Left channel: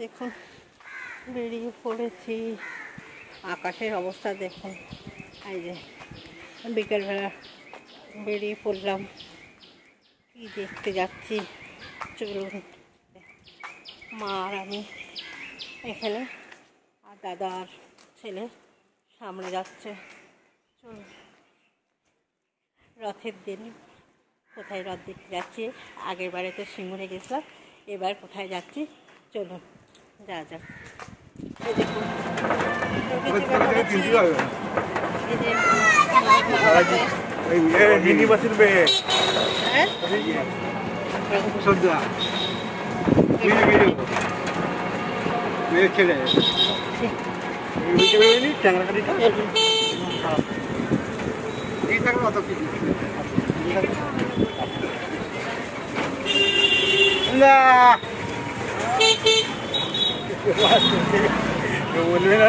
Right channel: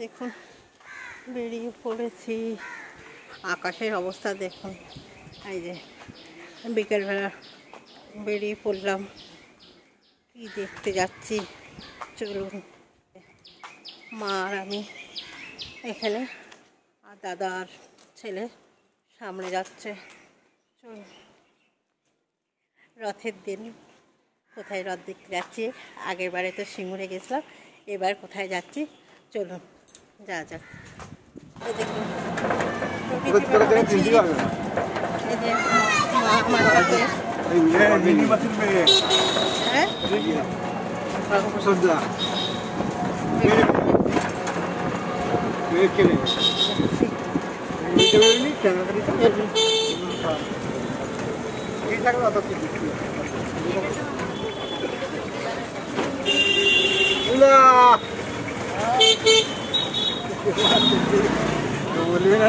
দেখুন বেরিয়ে পড়েছি, আকাশের অবস্থা দেখুন। এই যে বিকেলবেলা বেরিয়ে পড়লাম, কি দেখতে যাচ্ছি চলুন। মা আর আমি এখানে, আর দাদা আর ছেলে সামনে যাচ্ছে। চলুন, রথের দিন কোথায় রথ দেখতে যাচ্ছি। আগের বারে তো সিঙ্গুরে গেছিলাম, এবার কোথায় যাচ্ছি চলুন যা যাক। এই দেখুন बोलवे ना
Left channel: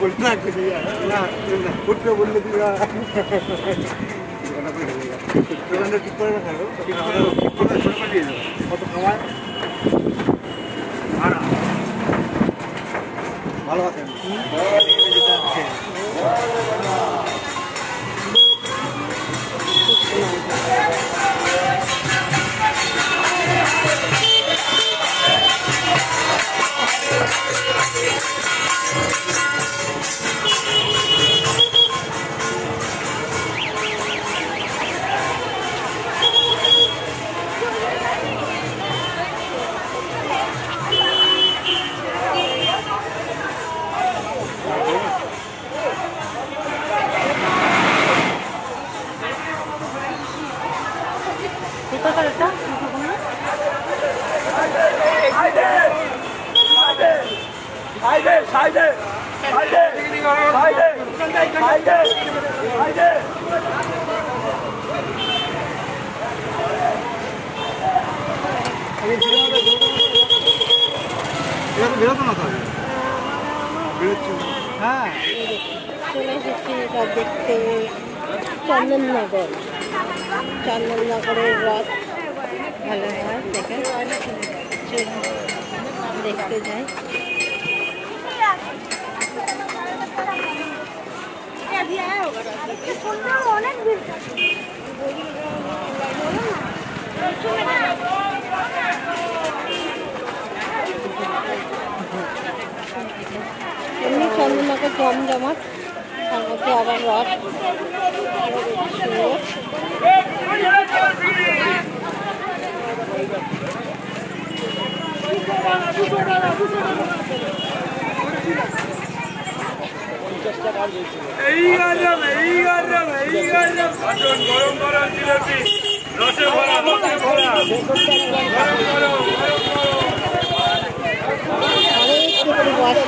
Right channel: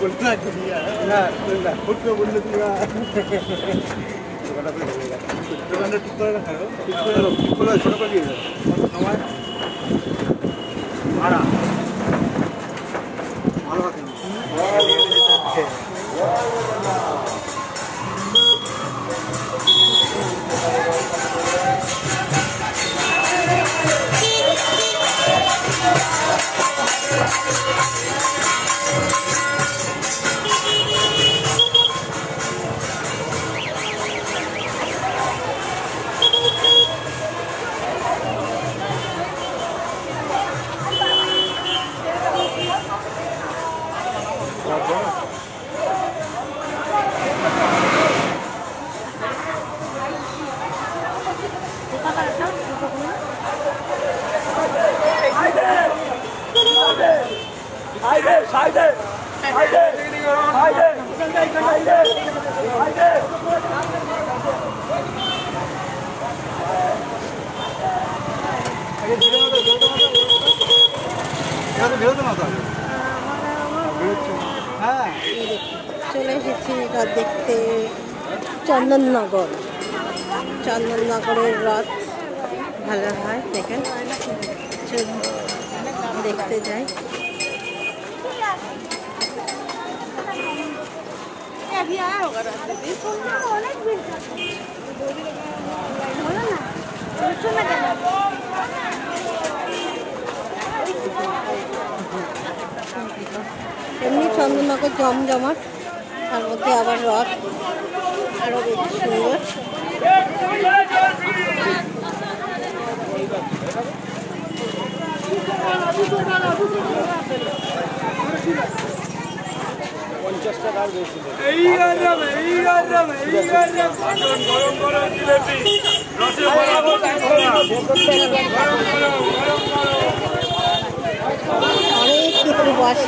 बोलना उठे बोलले तुला ঠিক করে থাকো, ঠিক করে শুরু করে দিও ভালো আছে। চলে এসেছি রথ দেখতে। চন্দননগরের রথ ভালো হয়, দেখেন দেখতে যাই। এমনি চন্দননগর জমজমাট, তার মধ্যে আবার রথ আরো বেশি সুন্দর। অনেক বসে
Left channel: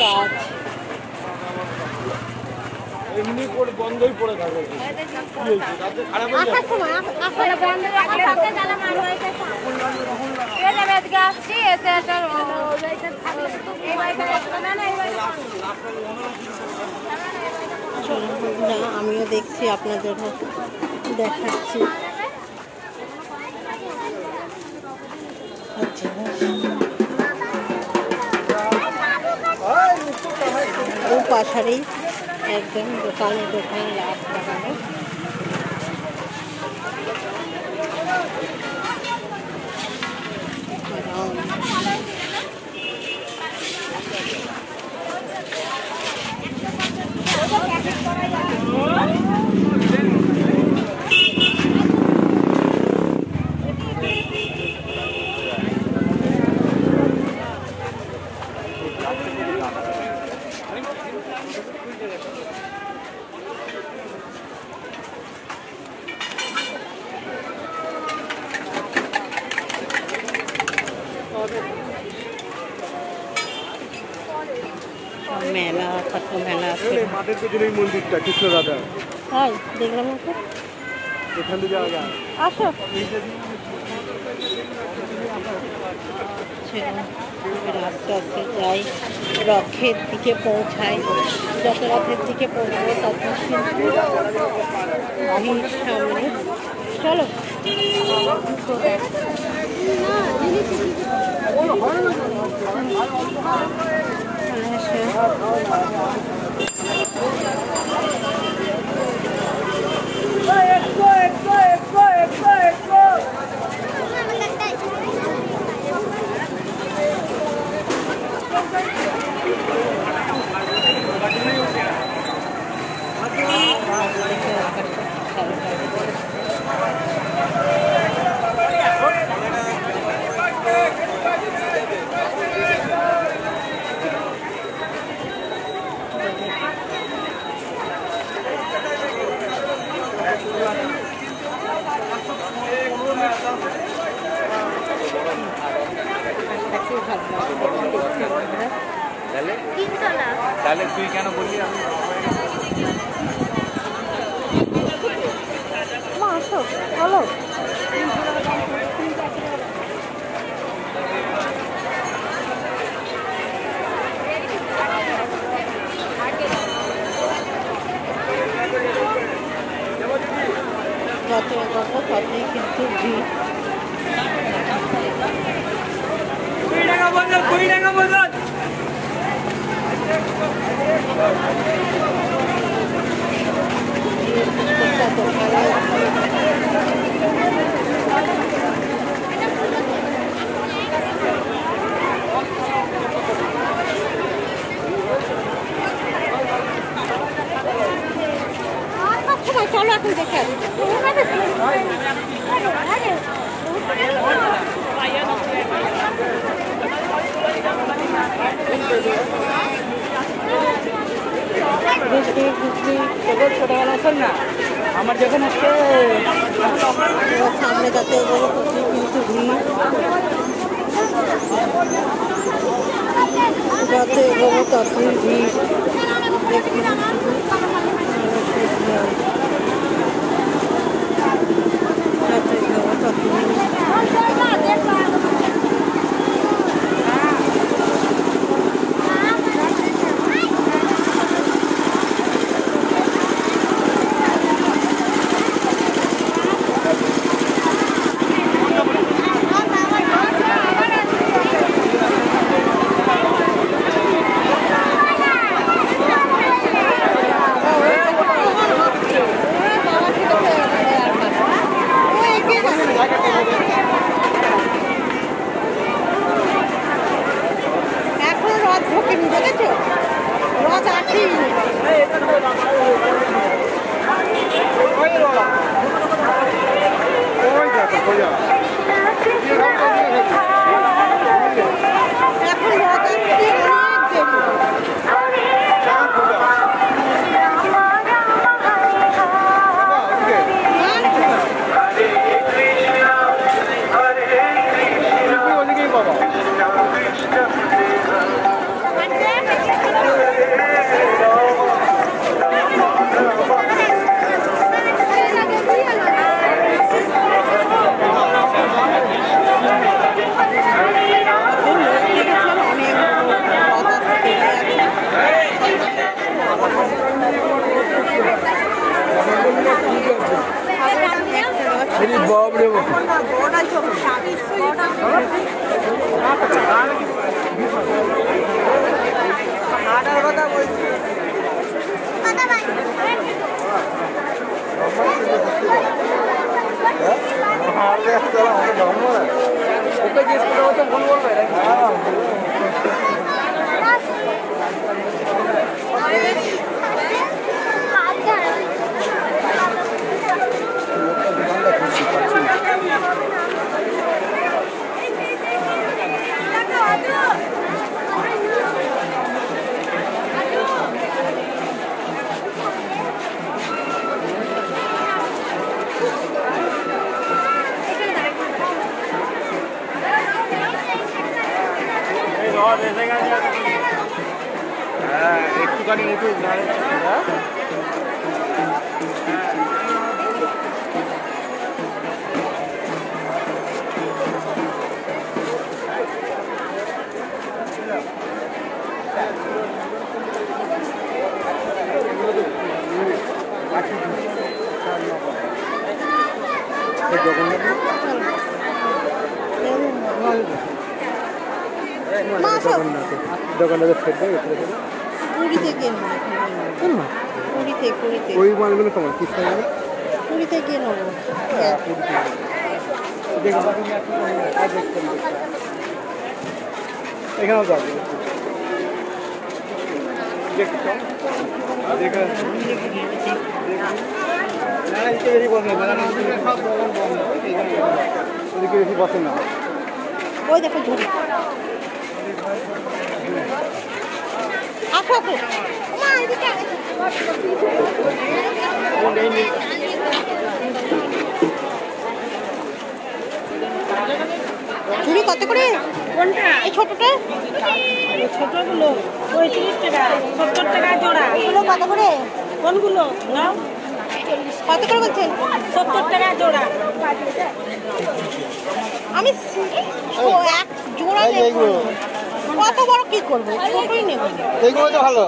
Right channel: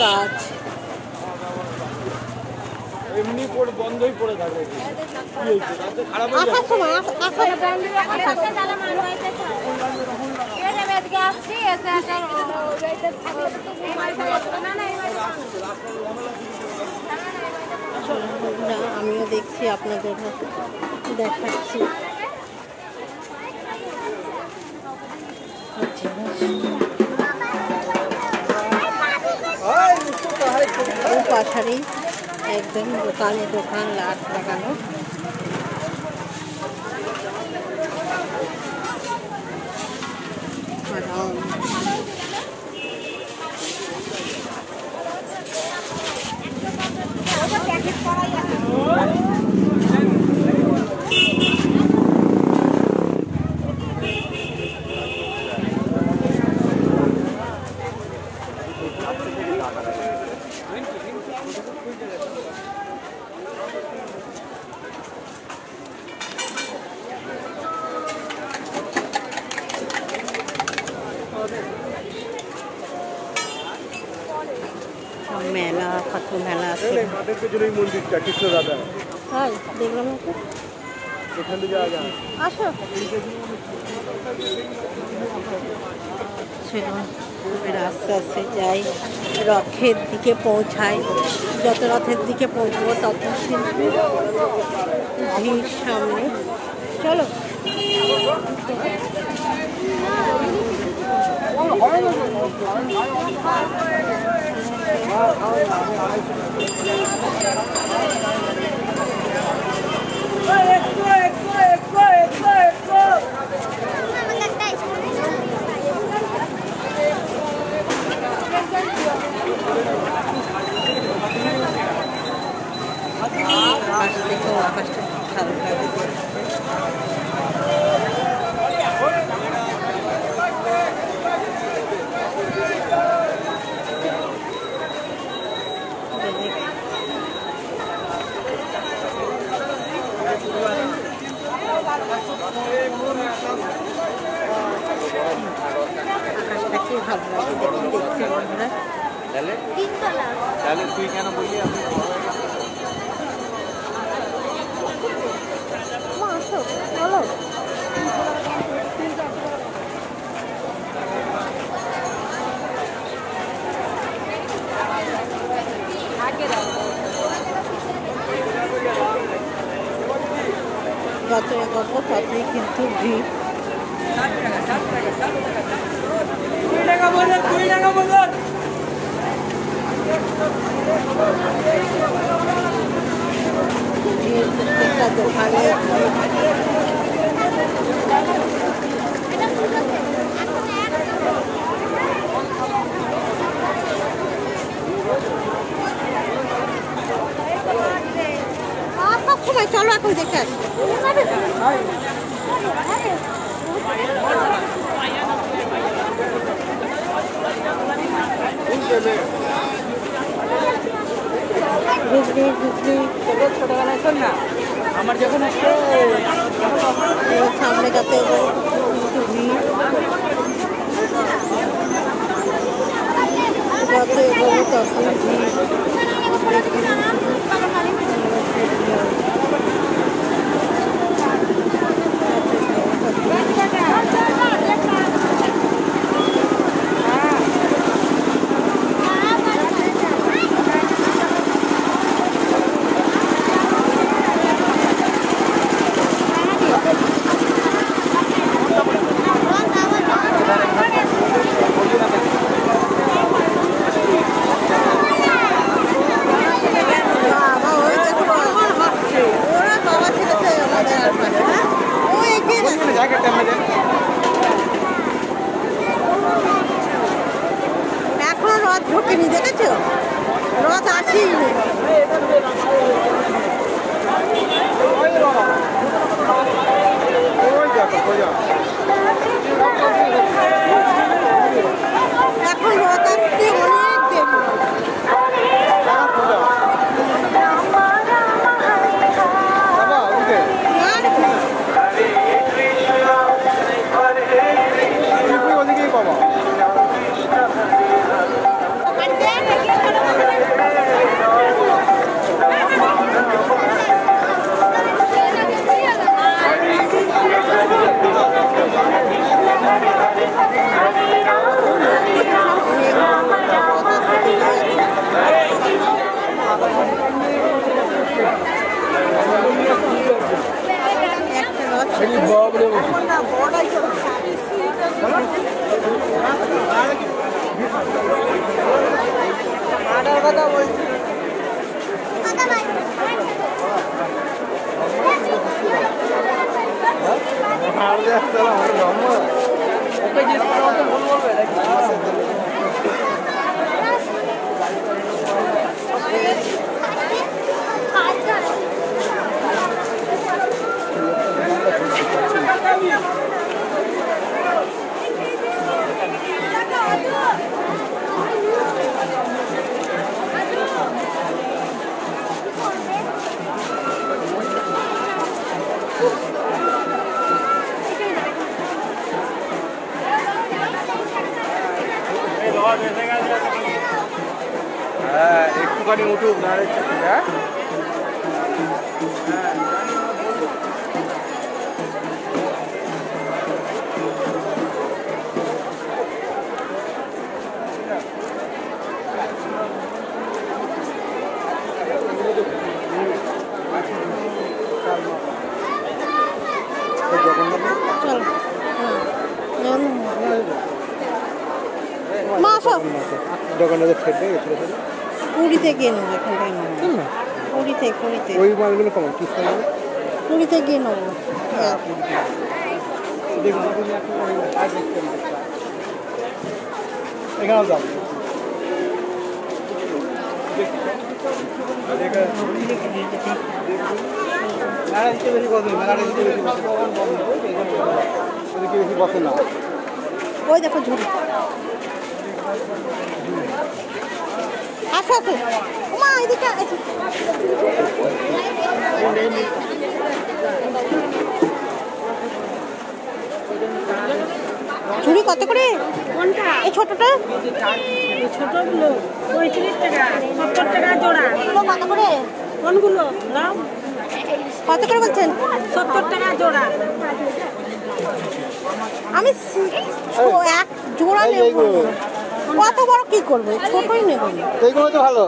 গাছ এমনি করে বন্ধই করে থাকবে। আসার সময় আমিও দেখছি, আপনাদের দেখাচ্ছি। পাশারি একদম দোকান লাট লাগানো। মেলা খাট্ট মেলা আছে। মাঠের পেছনেই মন্দিরটা কৃষ্ণরাধা। তাই দেখলাম ওকে। এখান থেকে আসো আস্তে আস্তে যাই, রথের দিকে পৌঁছাই। যত রথের দিকে পৌঁছবো তত কিন্তু ভিড় সামনে। চলো তুই কেন বললি আমি আসো চলো। যত এগোবো ততই কিন্তু ভিড়। 20 টাকা বললেন, 20 টাকা বললেন। প্রত্যেকটা দোকানে সময় চলো এখন দেখে আসি। আমার যেখানে সামনে যাতে কিন্তু ভিড়, যত এগোবো তত ভিড়। এখন রথ ঢোকেনি, দেখেছো? রথ আসেই এখন রথ আসতে ওদিকেই বাবা দোকানে উঠুক না দোকানটাতে ফেটবে পুরীতে গিয়ে নেবো, এখান থেকে নেবো। পুরীতে ওই মালগুলো কেমন কি সাইজ পুরীতে গিয়ে নেবো। এখানেও যাবে বেশি পছন্দ না। ওই দেখো ঝুড়ি। আসো আসো, মা এদিকে আসো। ঝুড়ি কত করে? কোনটা? এই ছোটটা? ছোটগুলো 35 টাকা, 70 টাকা জোড়া। এগুলো কত করে? কোনগুলো? কত করে বলছেন? 70 টাকা জোড়া। আমি এক জোড়া নেবো। কত বড় কি করবো? ছোটই নেবো। এইগুলো তো ভালো।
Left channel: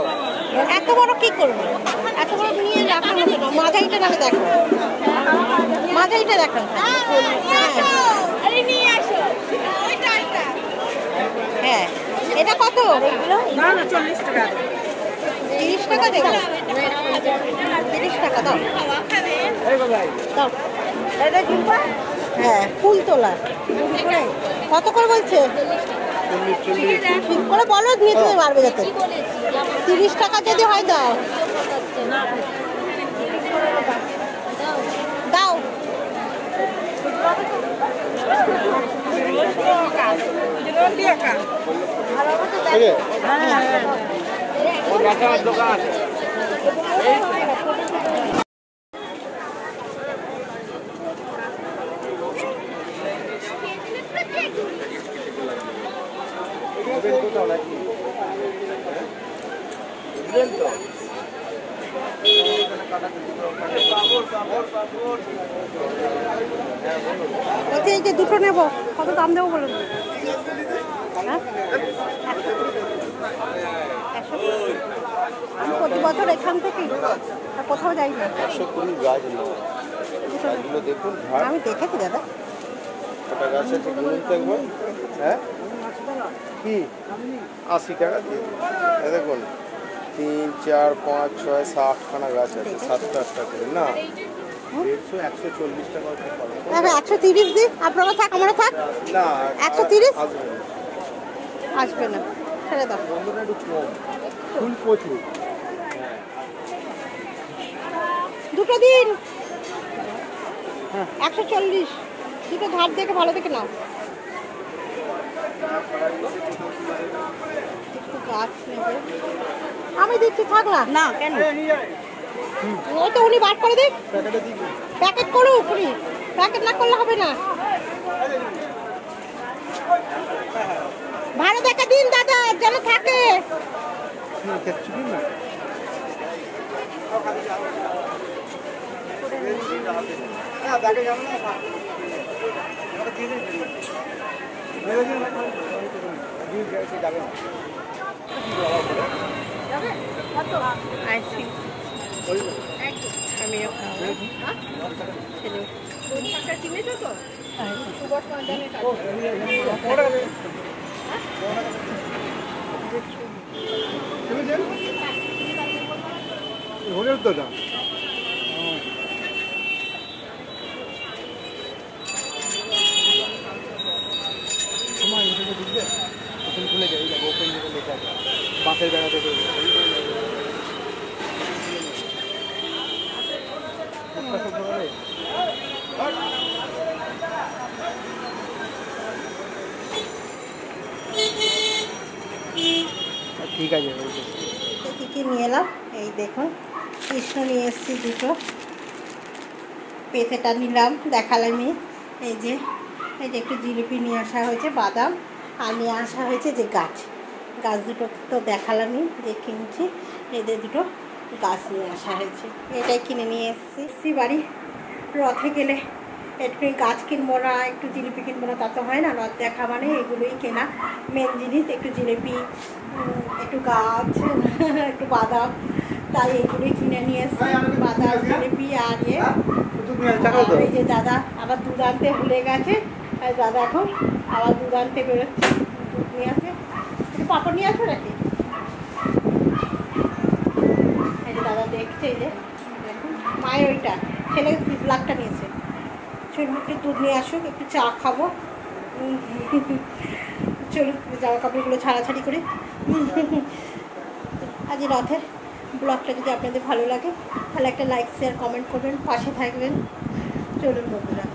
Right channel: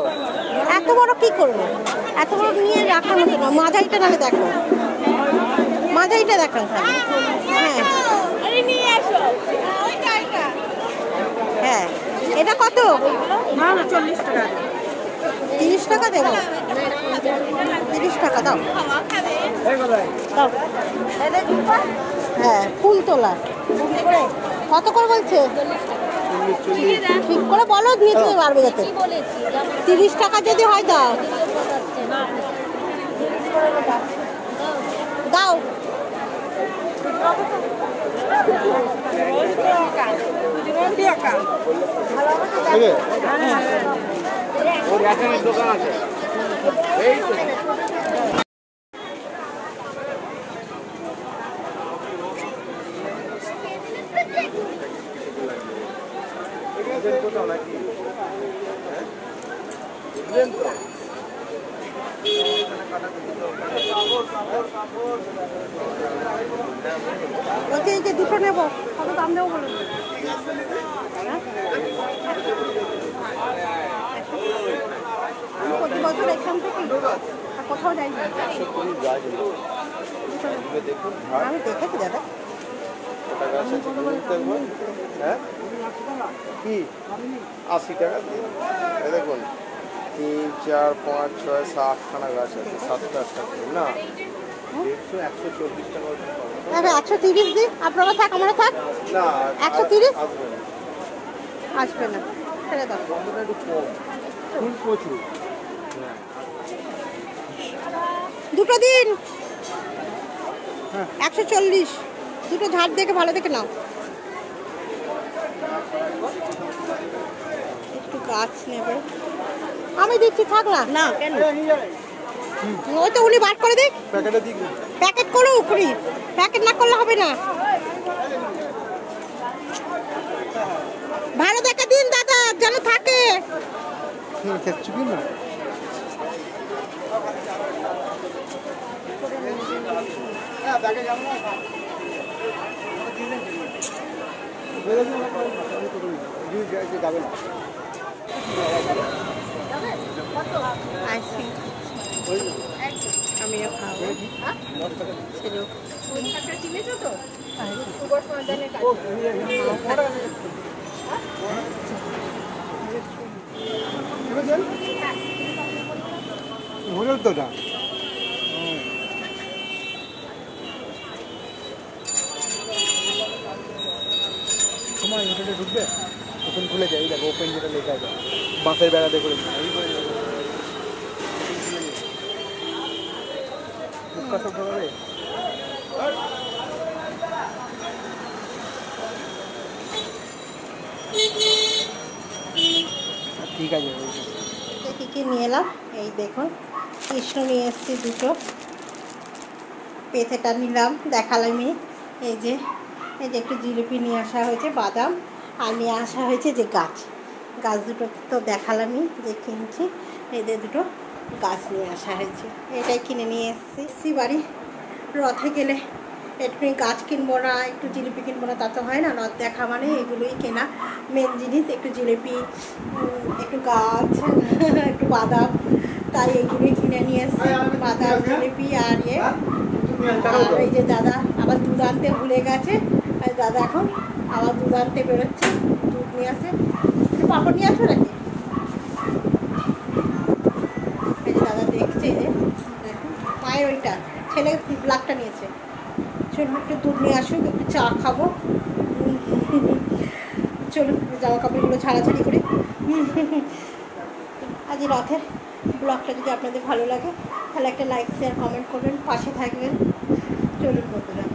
এত বড় কি করবো? এত বড় নিয়ে রাখার মতো না। মাঝারিটা নাহলে দেখো, মাঝারিটা দেখান তাহলে। হ্যাঁ, এটা কত? না না 40 টাকা। 30 টাকা দেবো। 30 টাকা দাও দাও। হ্যাঁ, ফুল তোলা কত করে বলছে? ঠিক করে বলো, নিয়ে তুমি পারবে যাতে। 30 টাকা যদি হয় দাও দাও। দোকান আছে বলছি এই যে দুটো নেবো, কত দাম দেবো বলুন? আমি প্রতি বছর এখান থেকে কোথাও যাই না। আমি দেখেছি দাদা। কি 80 টাকা দেখুন 3, 4, 5, 6, 7 খানা গাছ আছে, 7টা 8টা করে না 140 টাকা। 130 দিই, আপনারা থাক আমরা থাক। না 130 আসবে না, ছেড়ে দাও। প্রচুর দুটো দিন 140, দুটো ধার দেখে ভালো দেখে নাও। একটু গাছ নেবে, আমি দিচ্ছি, থাক না। না কেন? ওই তো উনি বার করে দিক, প্যাকেট করুক উনি, প্যাকেট না করলে হবে না। ভালো দেখে দিন দাদা, যেন থাকে। আইসক্রিম আমিও খাবো, ছেলেও ঘুরে তো না তোমার ইন্টারনেট ঢুকবে তখন খুলে যাই, দেখো ওপেন যেটা লেখা আছে বাসের বেড়াতে করে ঠিক আছে। কী কী নিয়ে এলাম এই দেখুন, কৃষ্ণ নিয়ে এসেছি দুটো, পেঁথেটা নিলাম দেখালামই। এই যে একটু জিলিপি নিয়ে আসা হয়েছে, বাদাম, আর নিয়ে আসা হয়েছে যে গাছ, গাছ দুটো তো দেখালামই যে কিনছি, এদের দুটো গাছ নিয়ে আসা হয়েছে, এটাই কিনে নিয়ে এসেছি বাড়ি। রথে গেলে একটু গাছ কিনবো না, একটু জিলিপি কিনবো না, তা তো হয় না। রথ দেখা মানে এগুলোই কেনা মেন জিনিস, একটু জিলিপি, একটু গাছ, একটু বাদাম, তাই এগুলোই কিনে নিয়ে এসছি, বাদাম, জিলিপি আর আর এই যে দাদা আবার দুধ আনতে ভুলে গেছে, আর দাদা এখন আবার দুধ আনতে বেরোচ্ছে, দুধ নিয়ে আসে। একটু পাপড় নিয়ে আসবে নাকি? এই যে দাদা দেখছে, এই যে দেখুন মায়ের ওইটা ছেলে ব্লাকটা নিয়েছে, চলুন একটু দুধ নিয়ে আসুক, একটু চা খাবো। চলুন জামা কাপড়গুলো ছাড়াছাড়ি করে। আজ রথের ব্লগটা যদি আপনাদের ভালো লাগে তাহলে একটা লাইক শেয়ার কমেন্ট করবেন, পাশে থাকবেন। চলুন বন্ধুরা।